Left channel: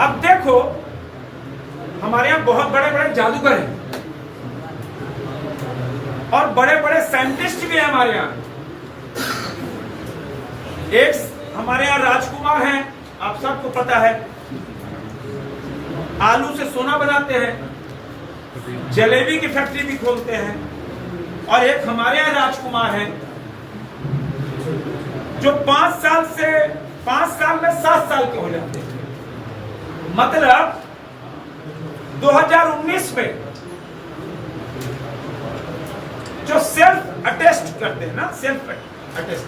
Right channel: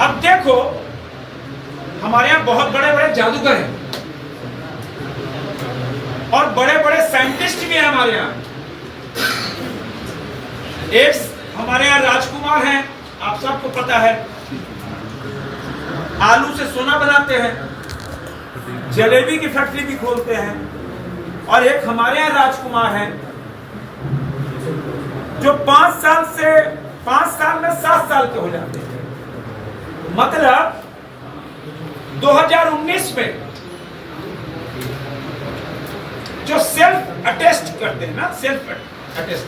अब देखो, हमारे यहाँ बहुत बड़े बड़े जादूगर हैं और बड़े बड़े साइंटिस्ट भी हैं हमारे यहाँ। एक हमारे यहाँ राजकुमार हैं, आप सबको पता है, आलू से सोना बनाते हैं, जलेबी की फैक्ट्री भी खोलते हैं। और एक हमारे यहाँ राजकुमार हैं जो 5 साल में 7 साल के हो जाते हैं। मतलब 2019 में जो सेल्फ अटेस्ट करते हैं ना, सेल्फ अटेस्ट,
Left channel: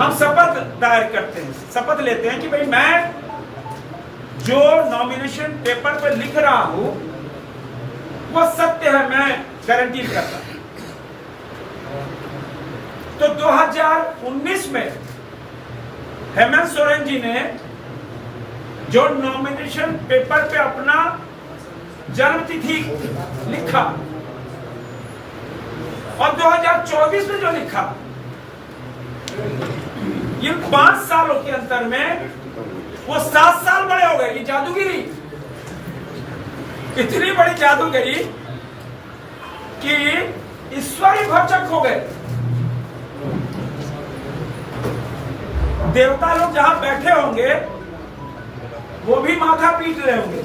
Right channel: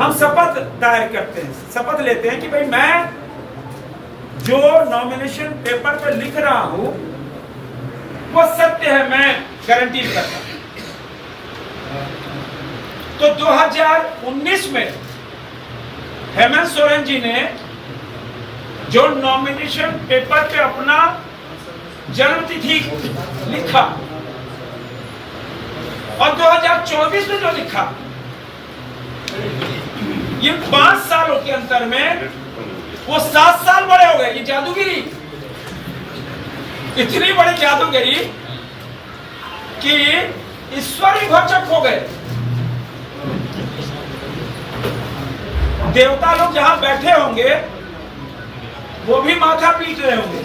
हम शपथ दायर करते हैं, शपथ लेते हैं कि भाई मैं जो नॉमिनेशन पेपर पर लिख रहा हूं वो सत्य है, मैं गारंटी करता हूं। तो 2019 में हेमंत सोरेन जी ने जो नॉमिनेशन पेपर पे अपना जन्म तिथि लिखा और 2024 में जो लिखा, ये 5 सालों के अंतर में वो 7 साल बड़े हो गए। ये जादूगिरी, इतनी बड़ी जादूगिरी कि ईश्वर ही भौचक हो गए। देवता लोग जहां बैठे होंगे वो भी माथा पीट रहे होंगे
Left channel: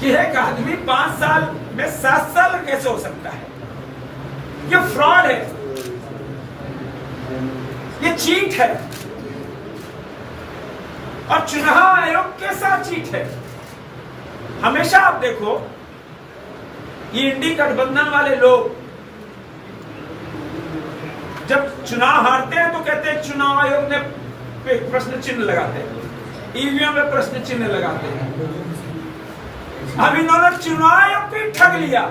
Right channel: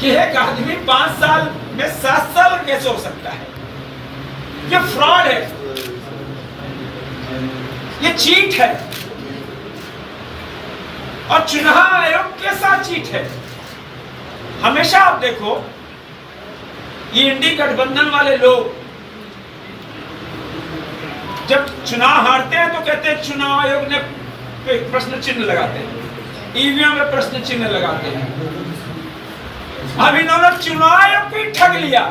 कि एक आदमी 5 साल में 7 साल कैसे हो सकता है। ये फ्रॉड है, ये चीट है और चुनाव आयोग के साथ चीट है। हमेशा आप देखो, ये इंडी गठबंधन वाले लोग जब चुनाव हारते हैं तो कहते हैं चुनाव आयोग ने प्रश्न चिन्ह लगाते हैं, ईवीएम में प्रश्न चिन्ह लगाते हैं। अब इन्होंने चुनाव आयोग को ही ठग लिया।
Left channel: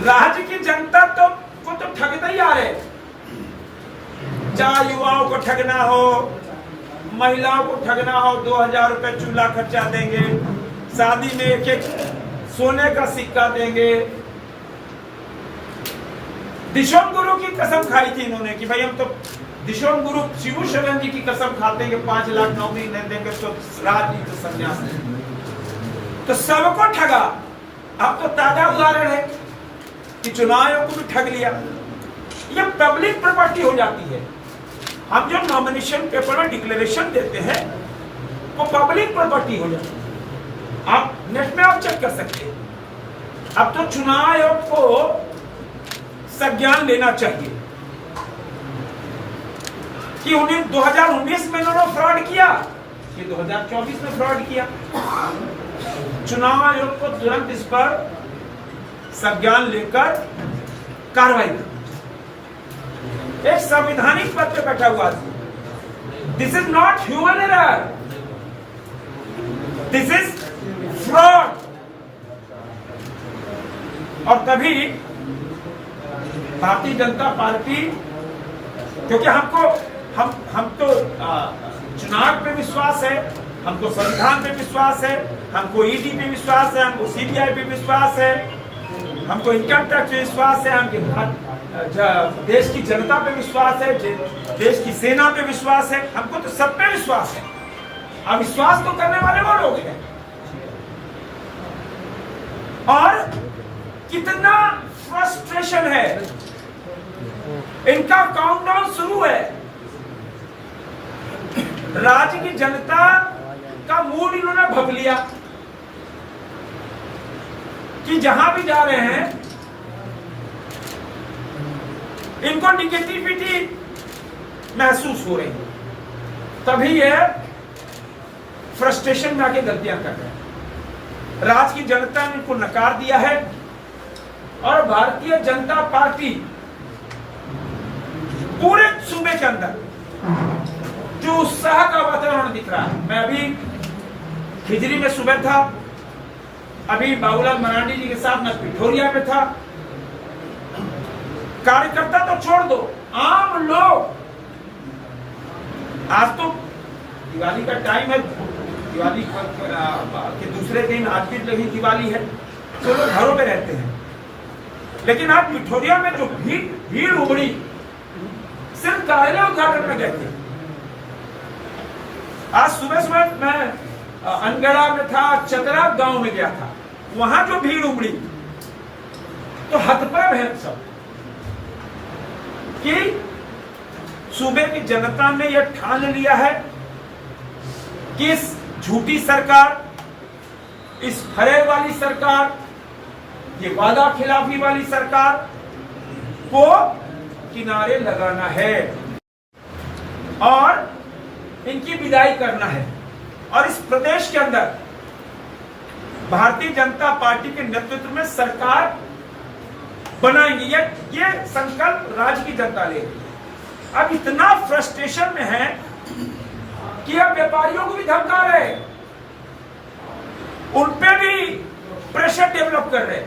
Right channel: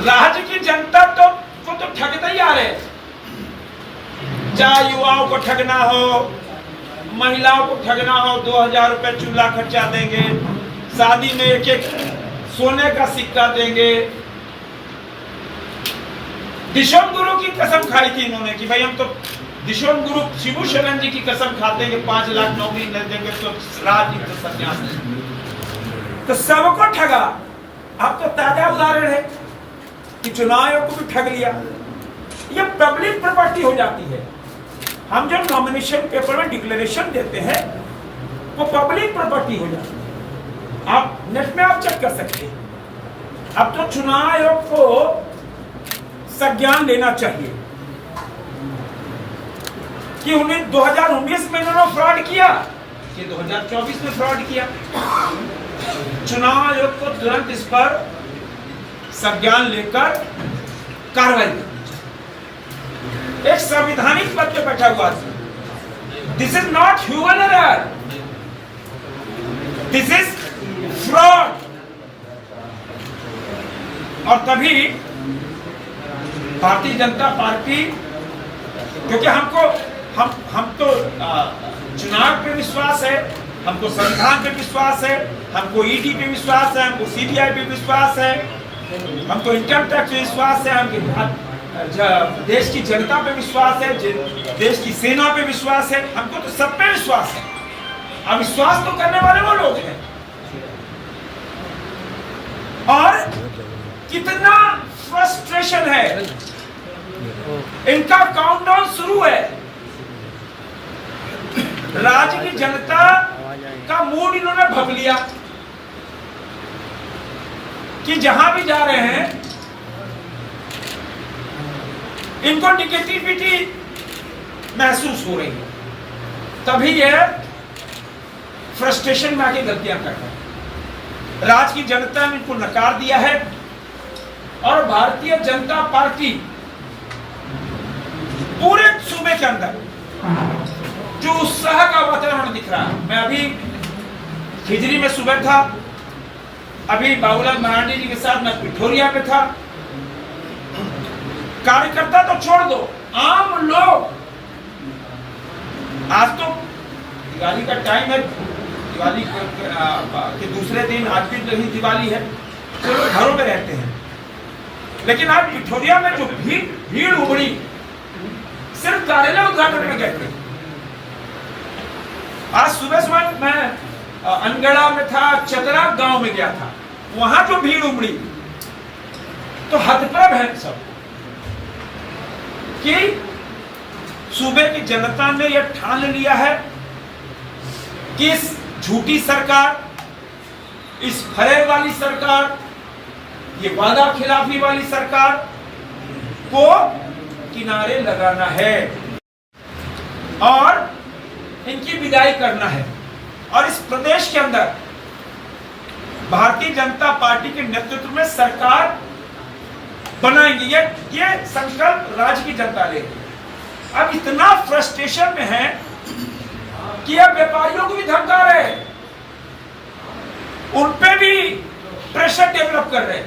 राज्य की जनता को तो ठगते ही आ रहे, चाहे युवाओं को ठगना हो, महिलाओं को ठगना हो, 2000 रुपए चूल्हा खर्चा देंगे, शादी में एक सोने का सिक्का देंगे। दिशोम गुरु की कसम खाई थी इन्होंने कि भाई हम तो दिशोम गुरु शिबू सोरेन जी की कसम खाते हैं कि 5 लाख नौकरी नहीं देंगे तो राजनीति तो संन्यास लेंगे। तो सबको ठगा। अब तो ताजा उदाहरण है कि चुनाव आयोग को भी ठग लिया। ये पब्लिक प्रॉपर्टी हो जाती है। हम जो नॉमिनेशन पेपर में डिक्लेरेशन देते हैं वो पब्लिक प्रॉपर्टी हो जाती है। आप नेट में आप चेक कर सकते हैं। अब तो चुनाव आयोग को संज्ञान लेना चाहिए कि उन्हें 2019 में उन्होंने फ्रॉड किया कि 2024 में फ्रॉड किया। चुनाव आयोग को तुरंत इस पर संज्ञान लेकर कार्रवाई करनी चाहिए। एक संवैधानिक पद पे बैठा हुआ था। This is not human error, this is fraud. और तभी भारतीय जनता पार्टी, क्योंकि हम तो चुनाव पे विश्वास है, हमको संविधान पे विश्वास है, हमको ईडी पे विश्वास है, हमको सीबीआई पे विश्वास है, हमको इनकम टैक्स पे विश्वास है, हमके देश की जनता पे विश्वास है, देश की सेना पे विश्वास है, हमको तो सब पे विश्वास है। अब विश्वास तो करने वाले वो लोग हैं। और कितना फ्रस्ट्रेशन है, इनका काउंटडाउन शुरू है। राज्य की जनता का मूड इन्होंने भग लिया कि जहां भी जा रहे हैं इनको निगेटिविटी महसूस हो रही है। तभी यह फ्रस्ट्रेशन में आके गलतियां कर रहे हैं। राज्य की जनता ने इनको नकार दिया है और भारतीय जनता पार्टी पूरे सूबे के अंदर जो उत्साह का वातावरण दिख रहा है। मैं अभी खिजरी में सुबह था, अभी बाबूलाल मरांडी जी के साथ मैं पिठोरिया में था। कार्यकर्ता तो छोड़ दो, आम लोग, आज तो दिवाली का टाइम है, दिवाली के दूसरे दिन आज भी नहीं दिवाली है, तो लोग घरों में रहते हैं। लेकिन आज पिठोरिया में जो भीड़ उमड़ी, सिर्फ कार्यालय उद्घाटन में गए थे। आज सुबह सुबह मैं अनगढ़ा में था, चतरा गांव में गया था, वहां जो भीड़ उमड़ी तो हतप्रभ है सब कि सूबे की जनता ने यह ठान लिया है कि इस झूठी सरकार, इस फरेब वाली सरकार, ये वादा खिलाफी वाली सरकार को किनारे लगाना है और इनकी विदाई करना है। और इस प्रदेश के अंदर भारतीय जनता पार्टी के नेतृत्व में सरकार बनाएंगे। ये संकल्प राज्य की जनता लेगी। अब इतना फ्रस्ट्रेशन में है कि अब व्यापारियों को भी धमका रहे, उन पे भी प्रेशर डेवलप कर रहे,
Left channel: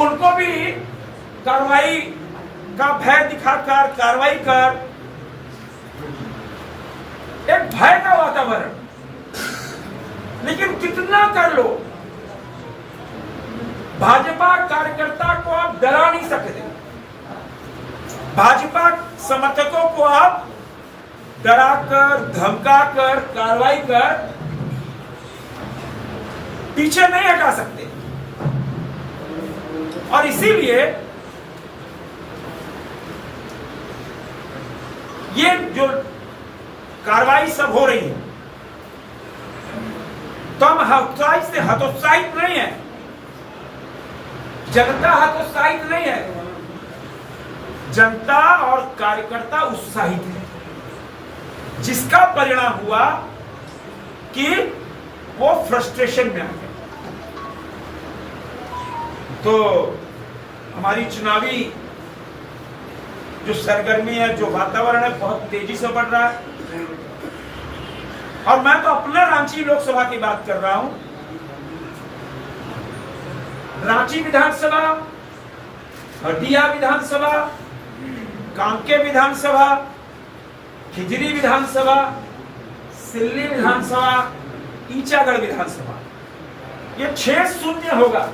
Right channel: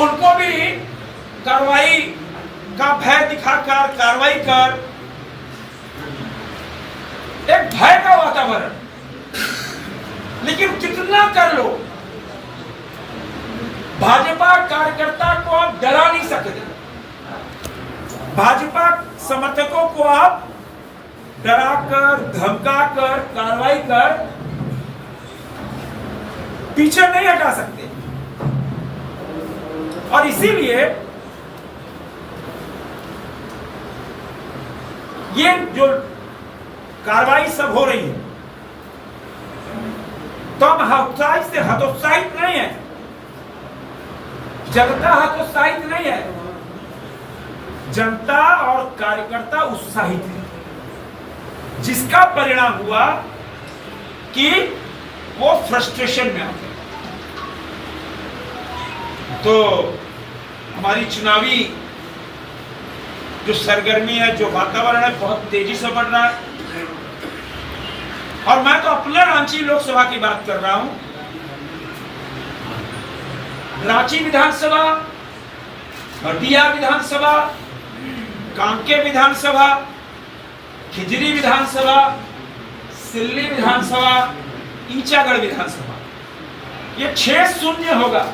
उनको भी कार्रवाई का भय दिखाकर कार्रवाई कर, एक भय का वातावरण। लेकिन कितना कर लो, भाजपा कार्यकर्ता को आप डरा नहीं सकते, भाजपा समर्थकों को आप डराकर धमकाकर कार्रवाई कर पीछे नहीं हटा सकते। और इसीलिए ये जो कार्रवाई सब हो रही है तो हम हतोत्साहित नहीं है, जनता हतोत्साहित नहीं है, जनता और कार्यकर्ता उत्साहित है, जिसका परिणाम हुआ कि वो फ्रस्ट्रेशन में आ गए। तो हमारी चुनावी जो सरगर्मी है, जो वातावरण है, बहुत तेजी से बढ़ रहा है। और मैं तो अपने रांची लोकसभा की बात कर रहा हूं। रांची विधानसभा, हटिया विधानसभा, कांके विधानसभा, खिजरी विधानसभा, सिल्ली विधानसभा, ईचागढ़ विधानसभा, ये 6-0 होगा।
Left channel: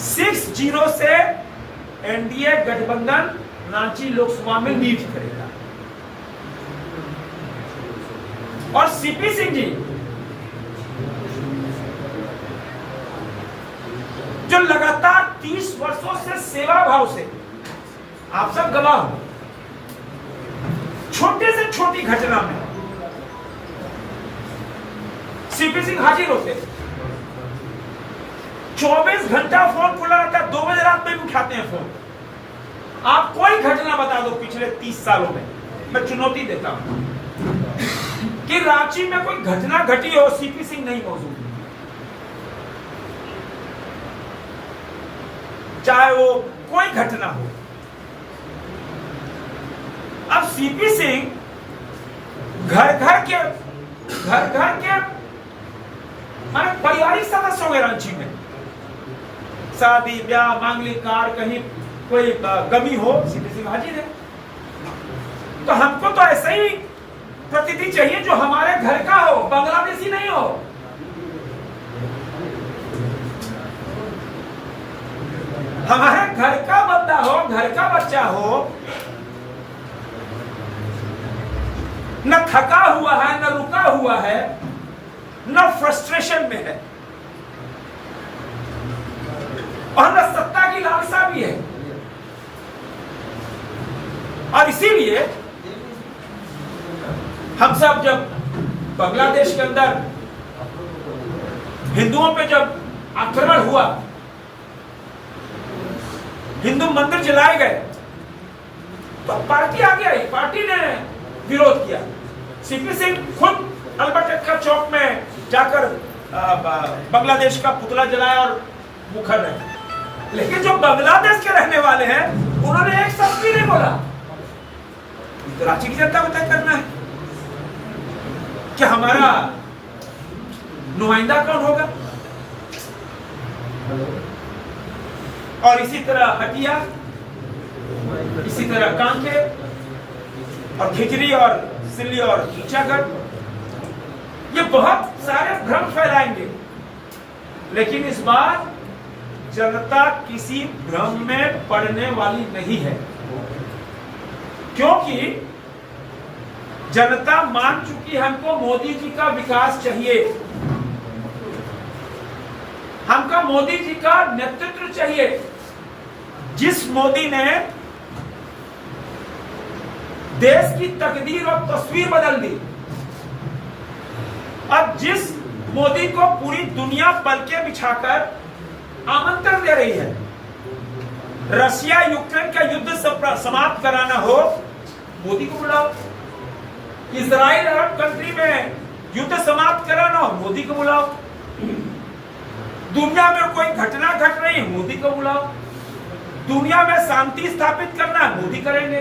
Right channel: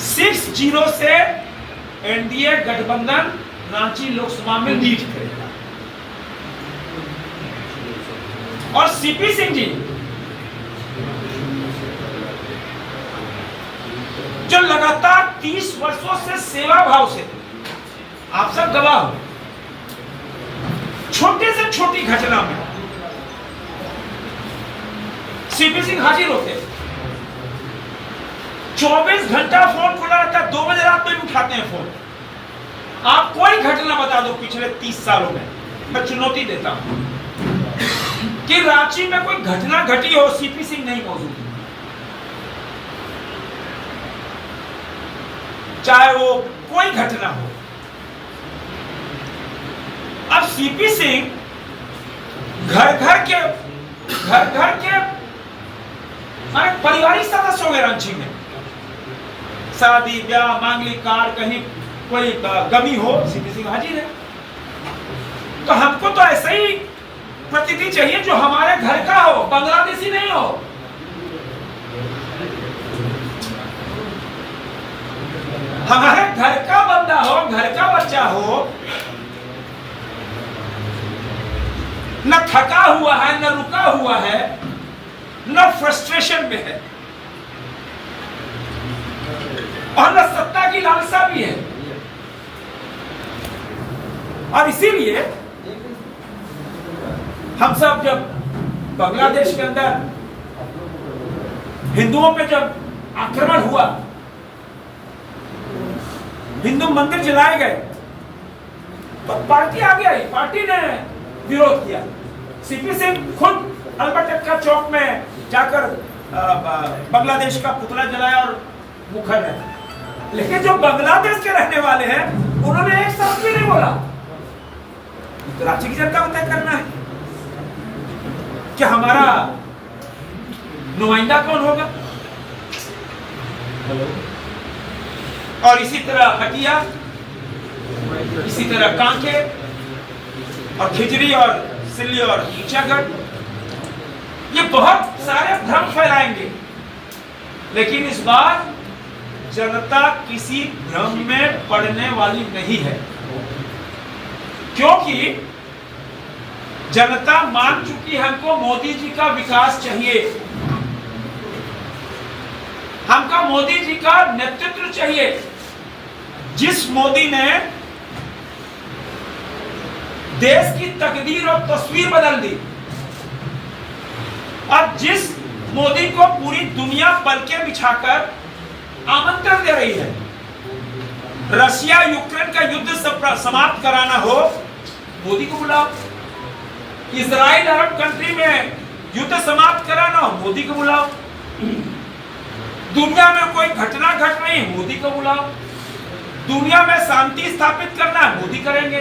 6-0 से एनडीए गठबंधन रांची लोकसभा में लीड करेगा। और सीपी सिंह जी जो लगातार 30 वर्षों से सेवा भाव से, आप सब गवाह हो, छोटी से छोटी घटना में सीपी सिंह हाजिर होते, 24 घंटा फोन खुला रहता है, 2 बजे रात में भी उठाते हैं फोन। आप कोई घटना बता दो पिछले 30 सालों में, मैं चुनौती देता हूं कि रांची में कोई घटना घटी हो, सीपी सिंह नहीं मौजूद, चाहे वो कोई घटना हो। अब सीपी सिंह घर घर के माने पारिवारिक सदस्य हो गए रांची में। शादी ब्याह मांगलिक कार्य, कहीं कोई गमी हो, सीपी सिंह हाजिर है। तो हमको तो ऐसा ही प्रतिनिधि चाहिए जो हमारे घर का हो, बांग्लादेशी नहीं हो। हमारे घर का बंदा हो, घर का बच्चा हो, न थका हुआ है, न रुका हुआ है, न फ्रस्ट्रेशन में है, और न सत्ता की लालसा भी है। और इसीलिए हम सब जब बांग्लादेश के अंदर हिंदुओं पे जब आक्रमण हुआ, हिंदू मंदिर जलाए गए, तो पार्टी आगे आई, पार्टी ने विरोध किया। सीपी सिंह खुद अल्बर्ट एक्का चौक में जाकर बांग्लादेश का पुतला जलाया और मुखर रहे। लेकिन जो बांग्लादेश के रहने वाले हैं, उन्होंने एक शब्द भी नहीं बोला। तो रांची की जनता को तय करना है कि हमारा नुमाइंदा कौन होगा। और इसी तरह हटिया, इसी तरह कांके और खिजरी और सिल्ली और ईचागढ़, ये बहुत सारे भ्रम फैलाएंगे। लेकिन इस बार जनता किसी भ्रम में पड़ने वाली नहीं है, क्योंकि जनता मान चुकी, हमको मोदी जी का विकास चाहिए, हमको मोदी जी का नेतृत्व चाहिए। जिस मोदी ने देश की तकदीर और तस्वीर बदल दी, और जिस मोदी को पूरी दुनिया पलके बिछाकर आमंत्रण दे रही है, रशिया यूक्रेन का युद्ध समाप्त कराना हो, मोदी को बुलाओ। इजराइल अरब कंट्री में युद्ध समाप्त कराना हो, मोदी को बुलाओ। दुनिया में कोई घटना घट रही है, मोदी को बुलाओ। दुनिया में शांति स्थापित करना है, मोदी करेंगे।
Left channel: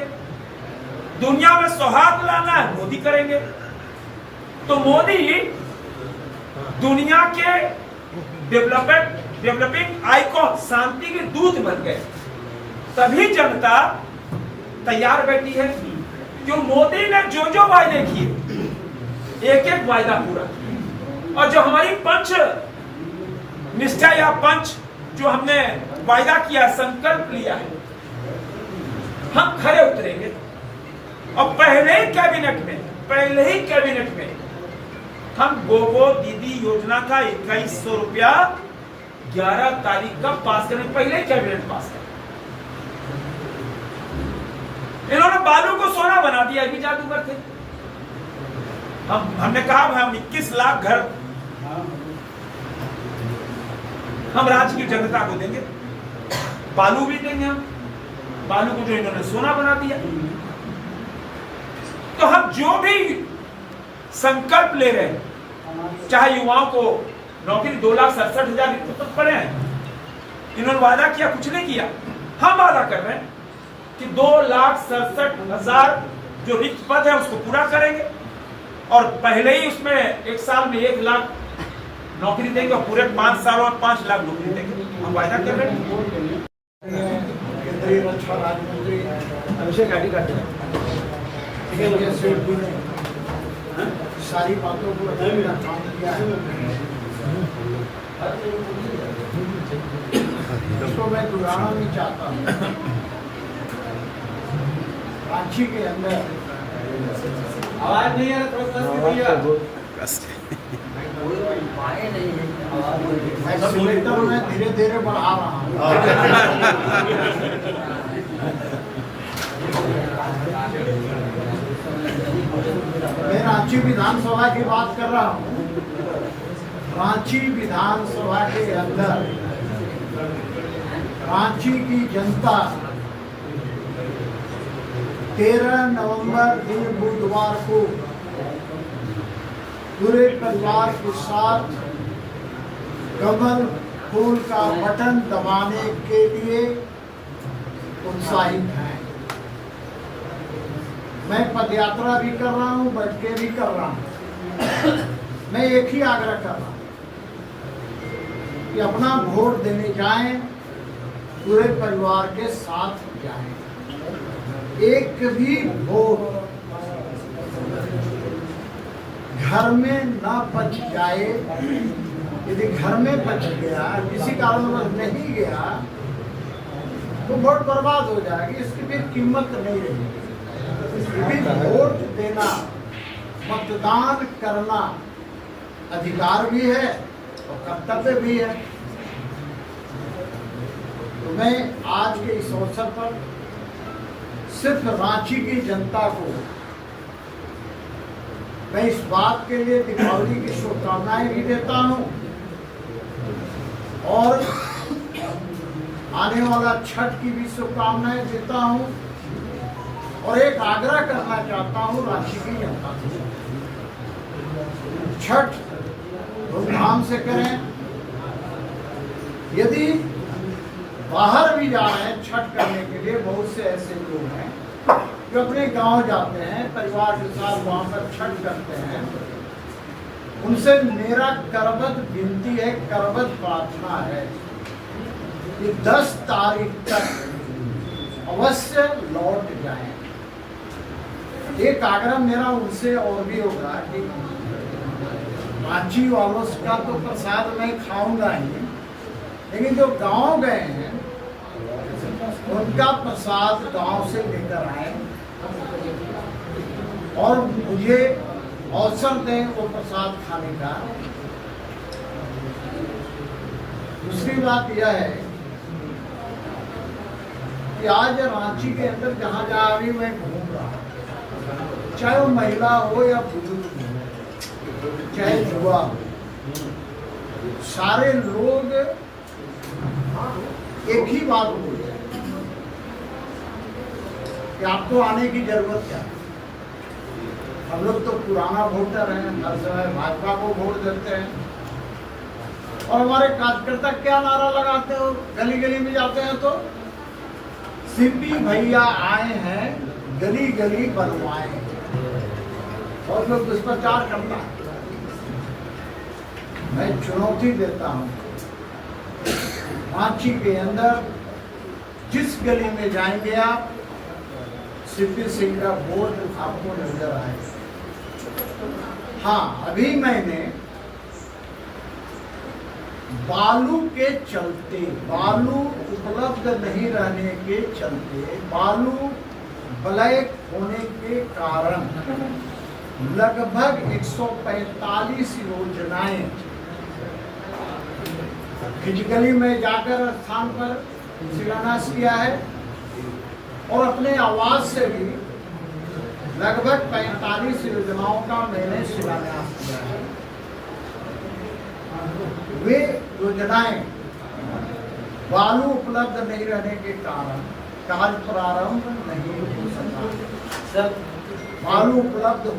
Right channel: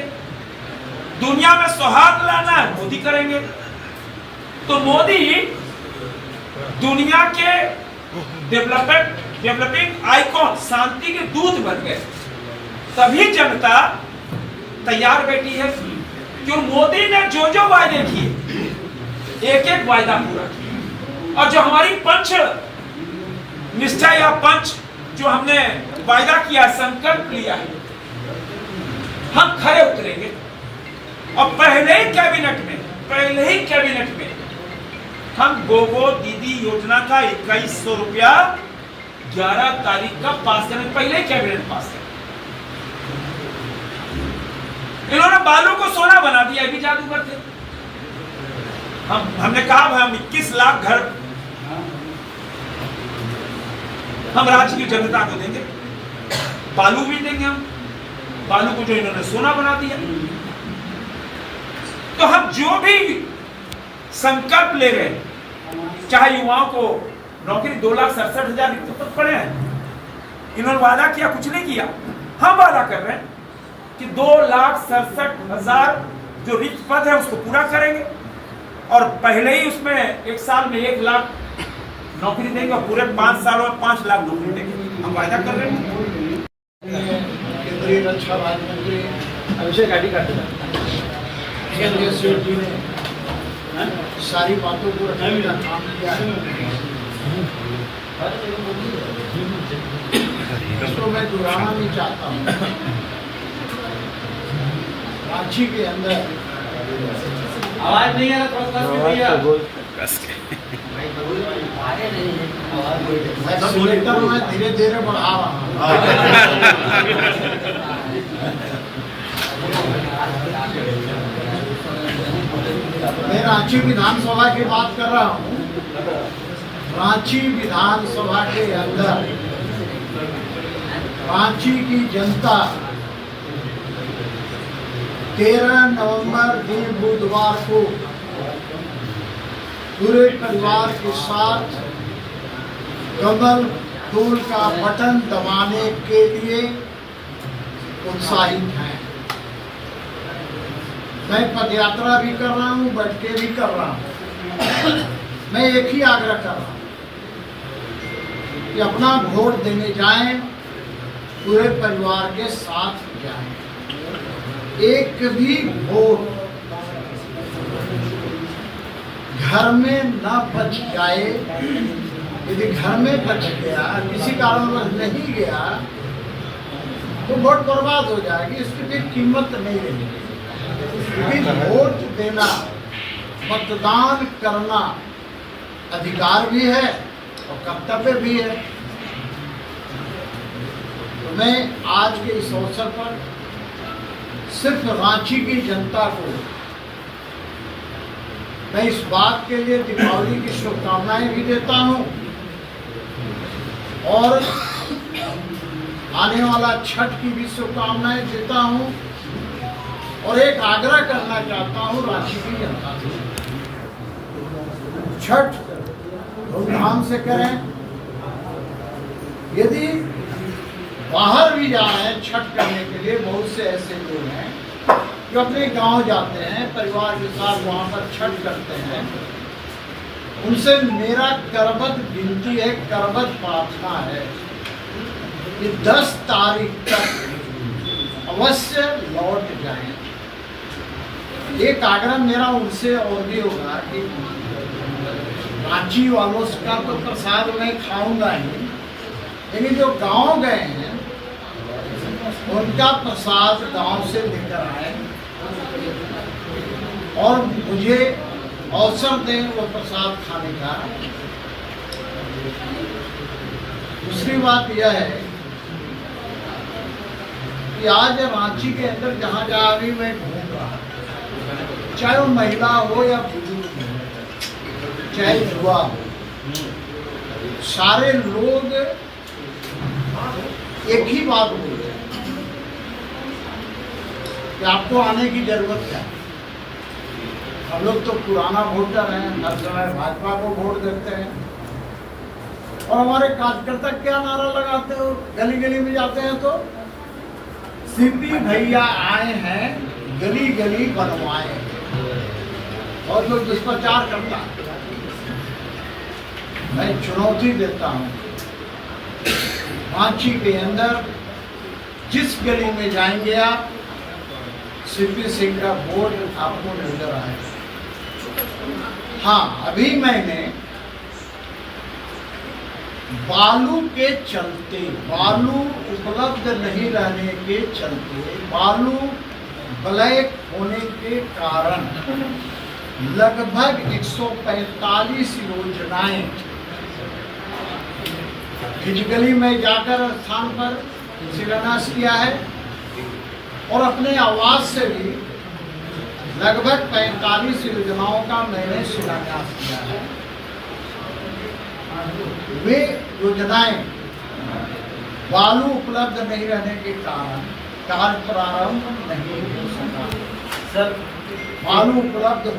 दुनिया में सौहार्द लाना है, मोदी करेंगे। तो मोदी दुनिया के डेवलपिंग आइकॉन, शांति के दूत बन गए। तभी जनता तैयार बैठी है, क्यों? मोदी ने जो जो वायदे किए, एक एक वायदा पूरा किया। और जो हमारी पंच निष्ठा या पंच जो हमने वायदा किया, संकल्प लिया है, हम खरे उतरेंगे। और पहले ही कैबिनेट में हम गोगो दीदी योजना का 2100 रुपया 11 तारीख का पास करें, पहले ही कैबिनेट पास करें। इन्होंने बालू को सोना बना दिया, भी जादूगर थे। हमने कहा हम 21 लाख घर हम राज्य की जनता को देंगे, बालू भी देंगे हम, बालू को जो इन्होंने सोना बना दिया। तो हम जो भी संकल्प ले रहे हैं, चाहे युवाओं को नौकरी 2,67,000 रिक्त पद पड़े हैं, इन्होंने वादा किया, कुछ नहीं किया। हम वादा कर रहे हैं कि 2,67,000 जो रिक्त पद है उसको पूरा करेंगे, और पहले ही उसमें एक साल में 1 लाख नौकरी देंगे, और पूरे 5 सालों में 5 लाख नौकरी देंगे। हम वायदा कर रहे हैं। केंद्रीय रक्षा राज्य मंत्री अभिषेक गाड़ी काटे जी ने सारी बातों को रखने का काम किया है। इसको मैं दोहराना नहीं चाहता हूँ। रांची के अंदर आवाज नहीं आ रहा, भैया एक्सीलेटर में धीरे धीरे बढ़ा रहा हूँ। मैं रांची विधानसभा की बात कर रहा हूँ। रांची विधानसभा के अंदर रांची की जनता 13 नवंबर दिन बुधवार को पूरे परिवार के साथ कमल फूल का बटन दबाने के लिए उत्साहित हैं। मैं पदयात्रा भी कर रहा हूँ, बैठ के भी कर रहा हूँ। मैं एक ही आग्रह कर रहा हूँ कि अपना वोट देने जाएं, पूरे परिवार के साथ जाएं। एक भी वोट घर में न बच जाए। यदि घर में बच गया, किसी कारणवश नहीं गया, तो वोट बर्बाद हो जाएगी। इसकी भी कीमत नहीं रहेगी। वोट देना, मतदान करना अधिकार भी है और कर्तव्य भी है। तो मैं आज के इस अवसर पर सिर्फ रांची की जनता को मैं इस बात के लिए दीपावली की शुभकामनाएं भी देता हूं, और आने वाला छठ की भी शुभकामनाएं देता हूं, और एक आग्रह करना चाहता हूं रांची की जनता से। छठ धूमधाम से करें। यदि बाहर भी जा रहे हैं छठ करने के लिए, बहुत से ऐसे लोग हैं जो अपने गांव जाते हैं, परिवार के साथ वहां पर छठ करते हैं। उनसे मेरा करबद्ध विनती है, करबद्ध प्रार्थना है कि 10 तारीख तक अवश्य लौट जाएं। एक आग्रह मेरा उनसे और भी होगा कि रांची वालों का तो प्रसाद मैं खाऊंगा ही, लेकिन जो गांव गए हैं उनका प्रसाद गांव से लेकर आए। और मुझे अवसर दें वो प्रसाद खाने का। दूसरी बात यह है कि आज रांची के अंदर जहाँ जहाँ अभी मैं घूम रहा, चाहे वो महिला हो या बुजुर्ग हो, चाहे युवा हो, सारे लोग एक ही बात बोलते हैं कि आपको आने की जरूरत क्या है। हम लोग तो पुराना वोटर हैं, हर समय भाजपा को वोट देते हैं, और हमारे कार्यकर्ता क्या नारा लगाते हो, गली गली में जाते हैं तो सीपी भैया आए हैं, गली गली बनवाए, और लोग दुष्प्रचार करता है। मैं चुनौती देता हूं, रांची के अंदर जिस गली में जाएंगे आप, सीपी सिंह का बोर्ड आपको नजर आएगा। हाँ, अभी मैंने बालू के चलते, बालू उपलब्ध नहीं रहने के चलते, बालू ब्लैक होने के कारण लगभग 145 योजनाएं खिजगली में जाकर स्थान पर शिलान्यास किया है, और अपने आवाज से भी लगभग 45 योजनाओं का मैंने शिलान्यास किया है। वे योजनाएं बालू उपलब्ध नहीं रहने के कारण कार्य प्रारंभ नहीं हो सका। सर बालू उपलब्ध